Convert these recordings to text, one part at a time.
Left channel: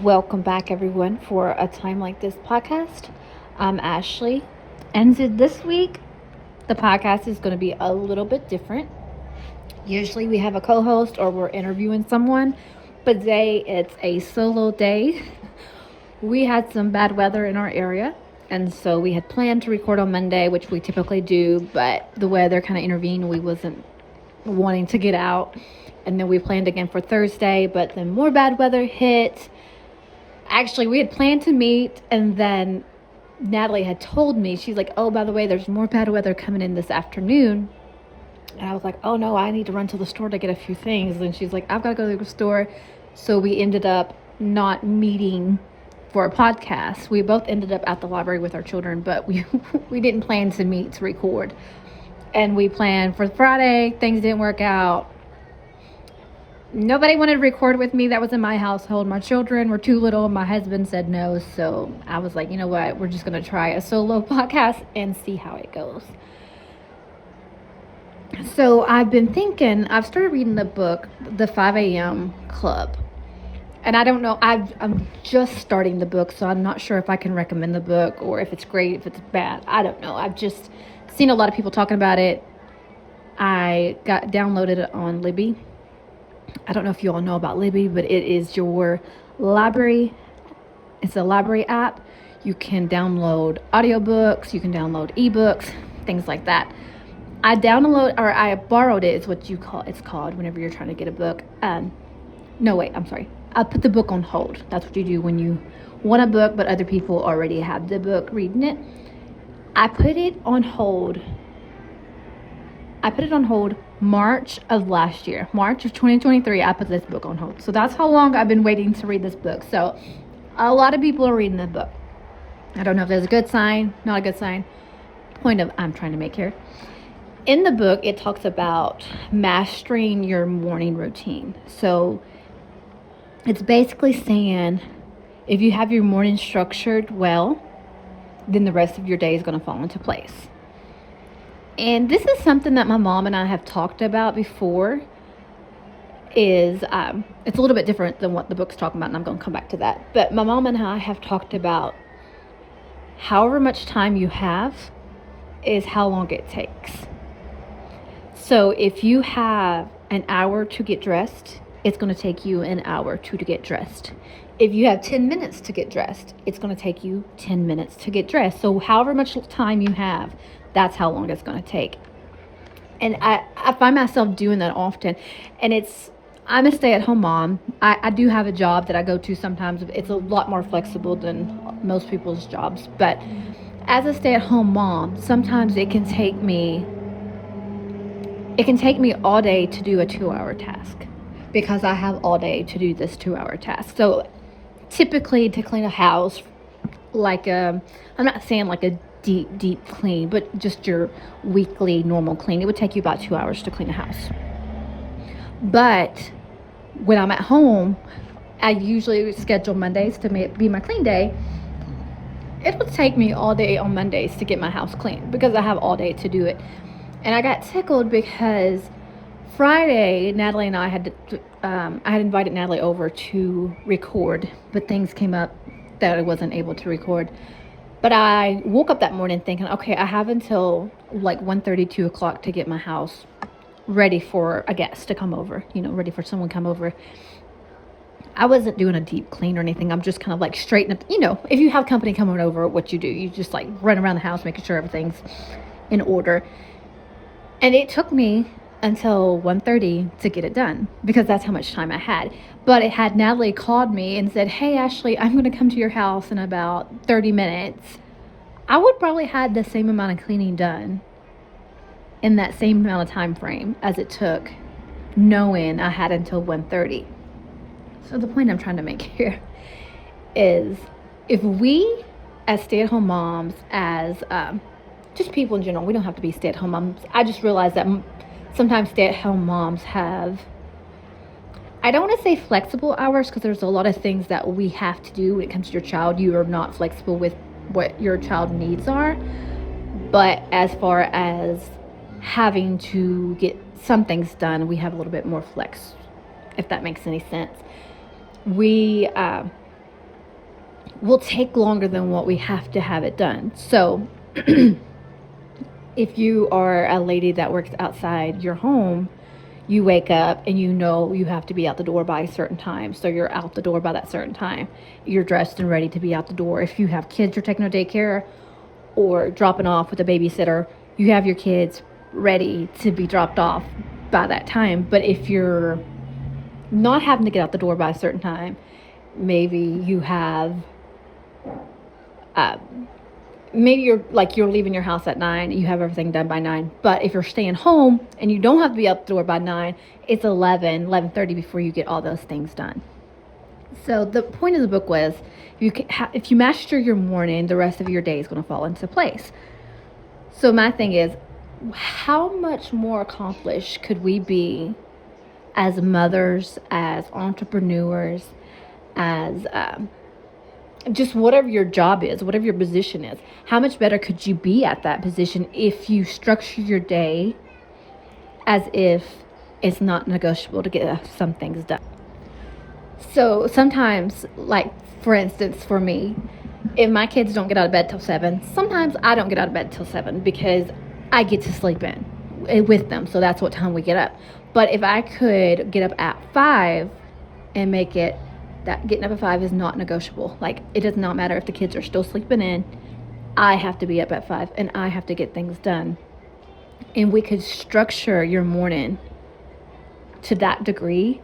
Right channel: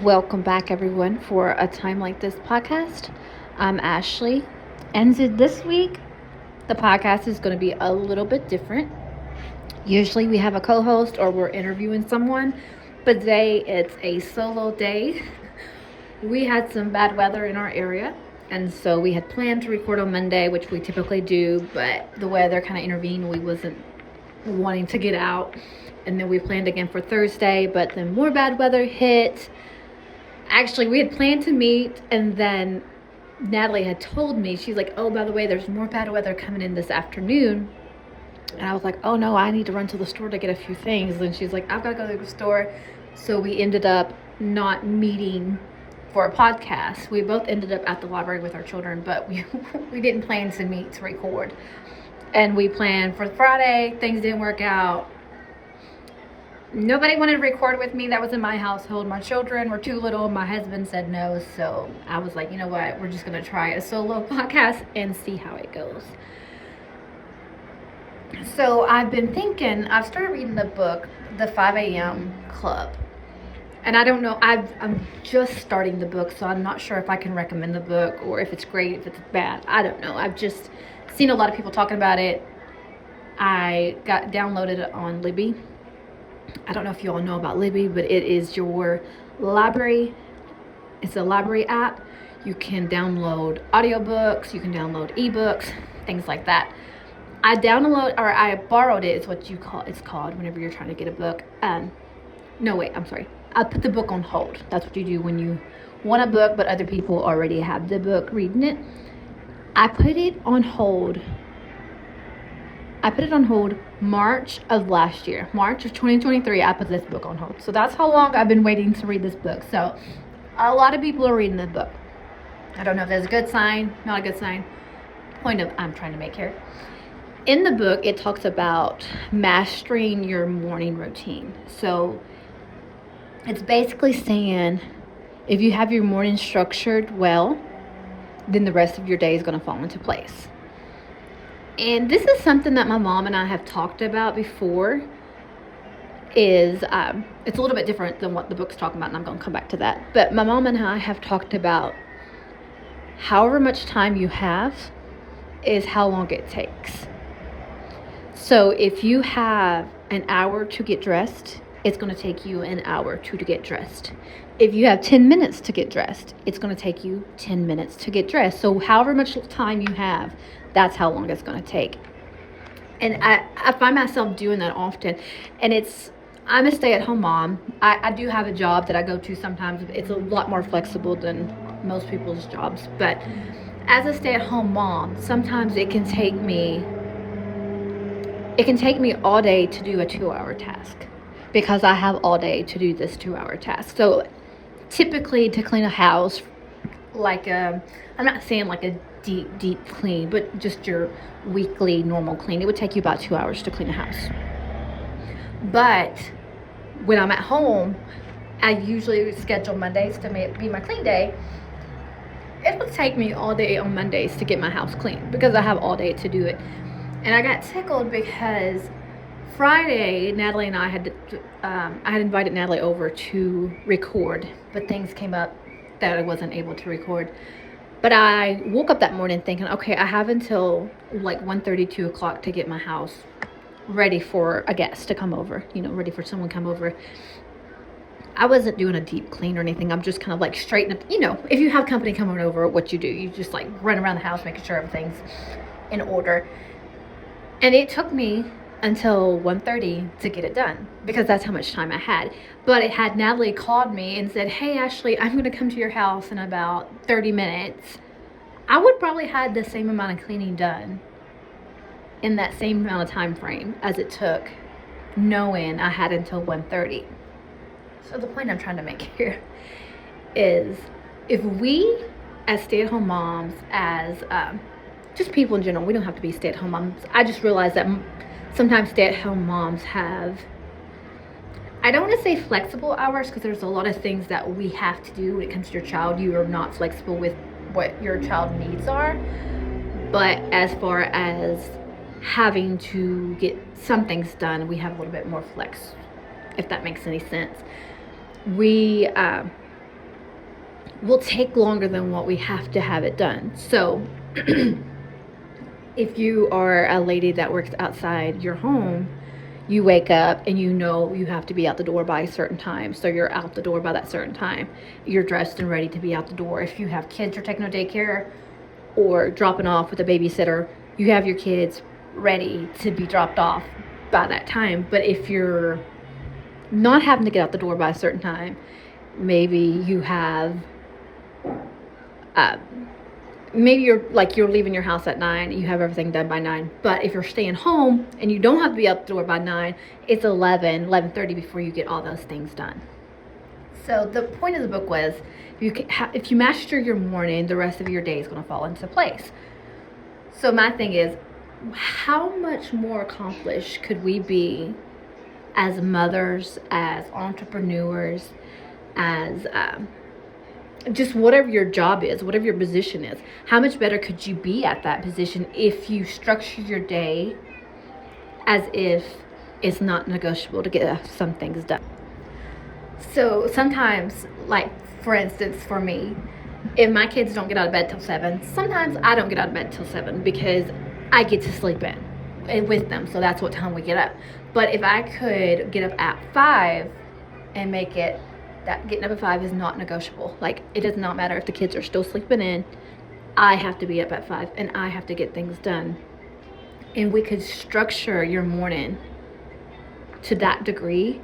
Welcome back, everyone, for a Time Like This podcast. I'm Ashley, and this week the podcast is going to be a little bit different. Usually we have a co host or we're interviewing someone, but today it's a solo day. We had some bad weather in our area, and so we had planned to record on Monday, which we typically do, but the weather kind of intervened. We wasn't wanting to get out, and then we planned again for Thursday, but then more bad weather hit. Actually, we had planned to meet, and then Natalie had told me, she's like, oh, by the way, there's more bad weather coming in this afternoon. And I was like, oh no, I need to run to the store to get a few things. And she's like, I've got to go to the store. So we ended up not meeting for a podcast. We both ended up at the library with our children, but we didn't plan to meet to record. And we planned for Friday. Things didn't work out. Nobody wanted to record with me. That was in my household. My children were too little. My husband said no. So I was like, you know what? We're just going to try a solo podcast and see how it goes. So I've been thinking, I've started reading the book, The 5 a.m. Club. And I don't know, I'm just starting the book, so I'm not sure if I can recommend the book or if it's great, if it's bad. I don't know. I've just seen a lot of people talking about it. I got downloaded it on Libby. I don't know if you all know about Libby, but it is your library. It's a library app. You can download audiobooks, you can download ebooks, things like that. I borrowed it, is what it's called whenever you're trying to get a book. No, wait, I'm sorry. I put the book on hold. That's what you do when you want a book, but other people already have the book reading it. I put it on hold March of last year. March of 2023, I put this book on hold. So that's how long I've been waiting to read this book. So a lot of people are reading the book. I don't know if that's a good sign, not a good sign. Point of I'm trying to make here. In the book, it talks about mastering your morning routine. So it's basically saying if you have your morning structured well, then the rest of your day is going to fall into place. And this is something that my mom and I have talked about before. It's a little bit different than what the book's talking about, and I'm going to come back to that. But my mom and I have talked about however much time you have is how long it takes. So if you have an hour to get dressed, it's going to take you an hour to get dressed. If you have 10 minutes to get dressed, it's going to take you 10 minutes to get dressed. So however much time you have, that's how long it's going to take. And I find myself doing that often. And I'm a stay-at-home mom. I do have a job that I go to sometimes. It's a lot more flexible than most people's jobs. But as a stay-at-home mom, sometimes it can take me all day to do a 2-hour task because I have all day to do this 2-hour task. So typically to clean a house, I'm not saying like a deep clean, but just your weekly normal clean, it would take you about 2 hours to clean a house. But when I'm at home, I usually schedule Mondays to be my clean day. It would take me all day on Mondays to get my house clean because I have all day to do it. And I got tickled because Friday, Natalie and I I had invited Natalie over to record, but things came up that I wasn't able to record. But I woke up that morning thinking, okay, I have until like 1:30, 2 o'clock to get my house ready for a guest to come over, ready for someone to come over. I wasn't doing a deep clean or anything. I'm just kind of like straightening up, if you have company coming over, what you do, you just like run around the house, making sure everything's in order. And it took me until 1:30 to get it done because that's how much time I had. But it had Natalie called me and said, hey, Ashley, I'm going to come to your house in about 30 minutes. I would probably had the same amount of cleaning done in that same amount of time frame as it took, knowing I had until 1:30. So the point I'm trying to make here is if we as stay-at-home moms, as just people in general, we don't have to be stay-at-home moms. I just realized that sometimes stay-at-home moms have, I don't want to say flexible hours because there's a lot of things that we have to do when it comes to your child. You are not flexible with what your child needs are. But as far as having to get some things done, we have a little bit more flex, if that makes any sense. We will take longer than what we have to have it done. So if you are a lady that works outside your home, you wake up and you know you have to be out the door by a certain time. So you're out the door by that certain time. You're dressed and ready to be out the door. If you have kids you're taking to daycare or dropping off with a babysitter, you have your kids ready to be dropped off by that time. But if you're not having to get out the door by a certain time, maybe you have maybe you're leaving your house at 9, you have everything done by 9. But if you're staying home and you don't have to be out the door by 9, it's 11:30 before you get all those things done. So the point of the book was, if you master your morning, the rest of your day is going to fall into place. So my thing is, how much more accomplished could we be as mothers, as entrepreneurs, as just whatever your job is, whatever your position is? How much better could you be at that position if you structure your day as if it's not negotiable to get some things done? So sometimes, like for instance, for me, if my kids don't get out of bed till 7, sometimes I don't get out of bed till 7 because I get to sleep in with them. So that's what time we get up. But if I could get up at 5 and make it that getting up at 5 is not negotiable. Like, it does not matter if the kids are still sleeping in. I have to be up at 5 and I have to get things done. And we could structure your morning to that degree.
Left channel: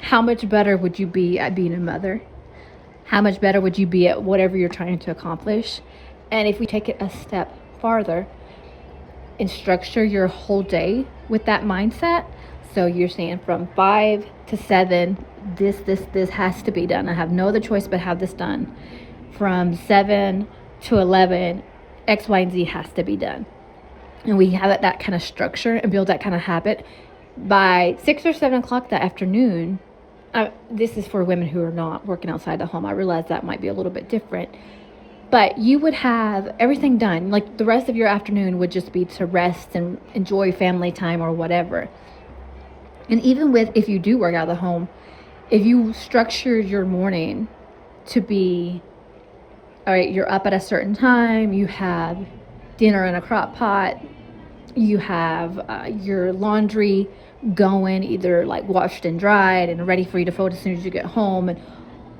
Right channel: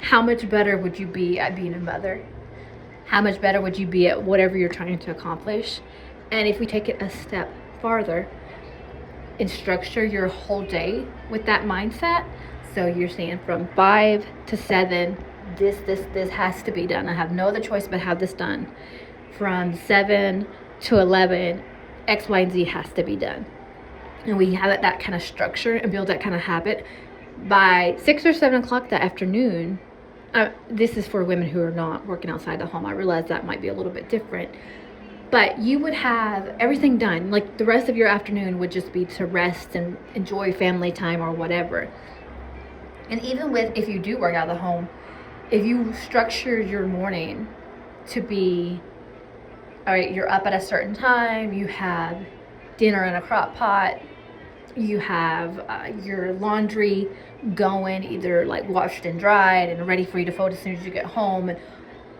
How much better would you be at being a mother? How much better would you be at whatever you're trying to accomplish? And if we take it a step farther and structure your whole day with that mindset, so you're saying from 5 to 7, this has to be done. I have no other choice but have this done. From 7 to 11, X, Y, and Z has to be done. And we have that kind of structure and build that kind of habit. By 6 or 7 o'clock that afternoon, this is for women who are not working outside the home. I realize that might be a little bit different. But you would have everything done. Like, the rest of your afternoon would just be to rest and enjoy family time or whatever. And even if you do work out of the home, if you structure your morning to be, all right, you're up at a certain time, you have dinner in a crock pot, you have your laundry going, either like washed and dried and ready for you to fold as soon as you get home, and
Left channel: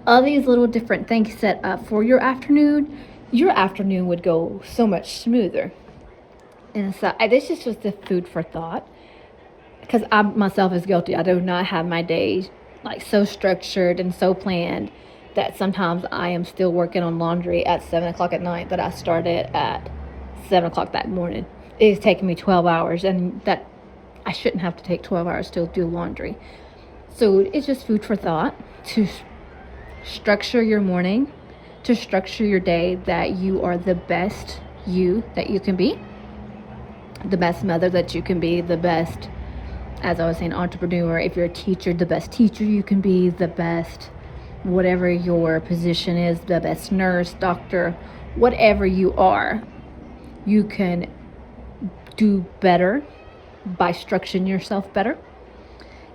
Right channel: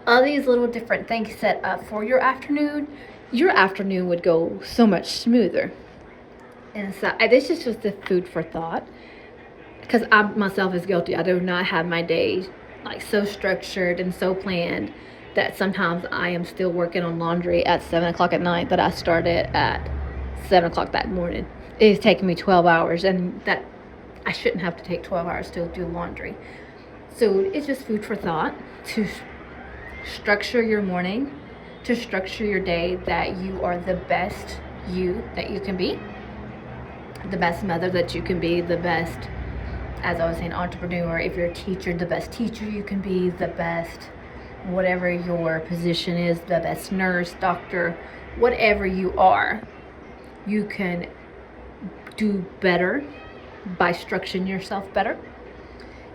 all these little different things set up for your afternoon would go so much smoother. And so this is just a food for thought, because I myself is guilty. I do not have my days like so structured and so planned that sometimes I am still working on laundry at 7 o'clock at night that I started at 7 o'clock that morning. It's taking me 12 hours, and that I shouldn't have to take 12 hours to do laundry. So it's just food for thought to structure your morning, to structure your day, that you are the best you that you can be, the best mother that you can be, the best, as I was saying, entrepreneur. If you're a teacher, the best teacher you can be, the best, whatever your position is, the best nurse, doctor, whatever you are, you can do better by structuring yourself better.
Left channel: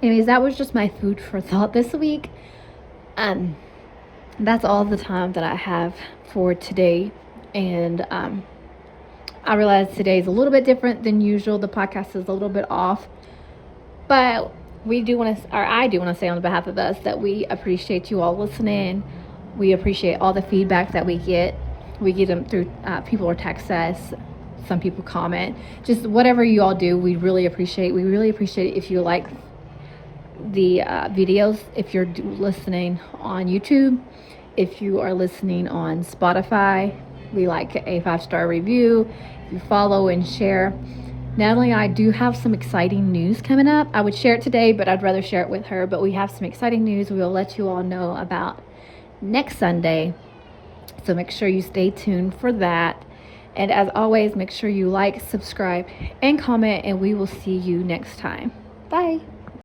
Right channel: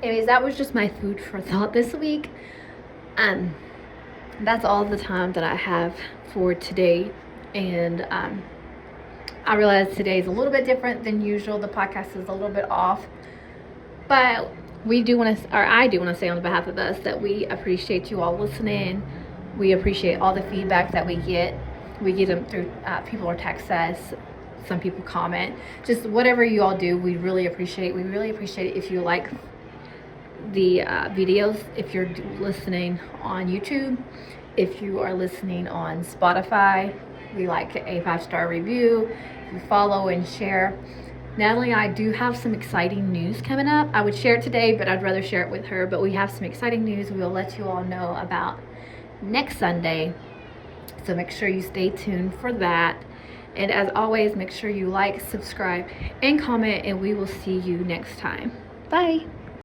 Anyways, that was just my food for thought this week. That's all the time that I have for today. And I realize today is a little bit different than usual. The podcast is a little bit off. But I do want to say on behalf of us that we appreciate you all listening. We appreciate all the feedback that we get. We get them through people or text us. Some people comment. Just whatever you all do, we really appreciate. We really appreciate if you like the videos. If you're listening on YouTube, if you are listening on Spotify, we like a 5-star review. If you follow and share. Natalie and I do have some exciting news coming up. I would share it today, but I'd rather share it with her. But we have some exciting news we will let you all know about next Sunday. So make sure you stay tuned for that. And as always, make sure you like, subscribe, and comment, and we will see you next time. Bye.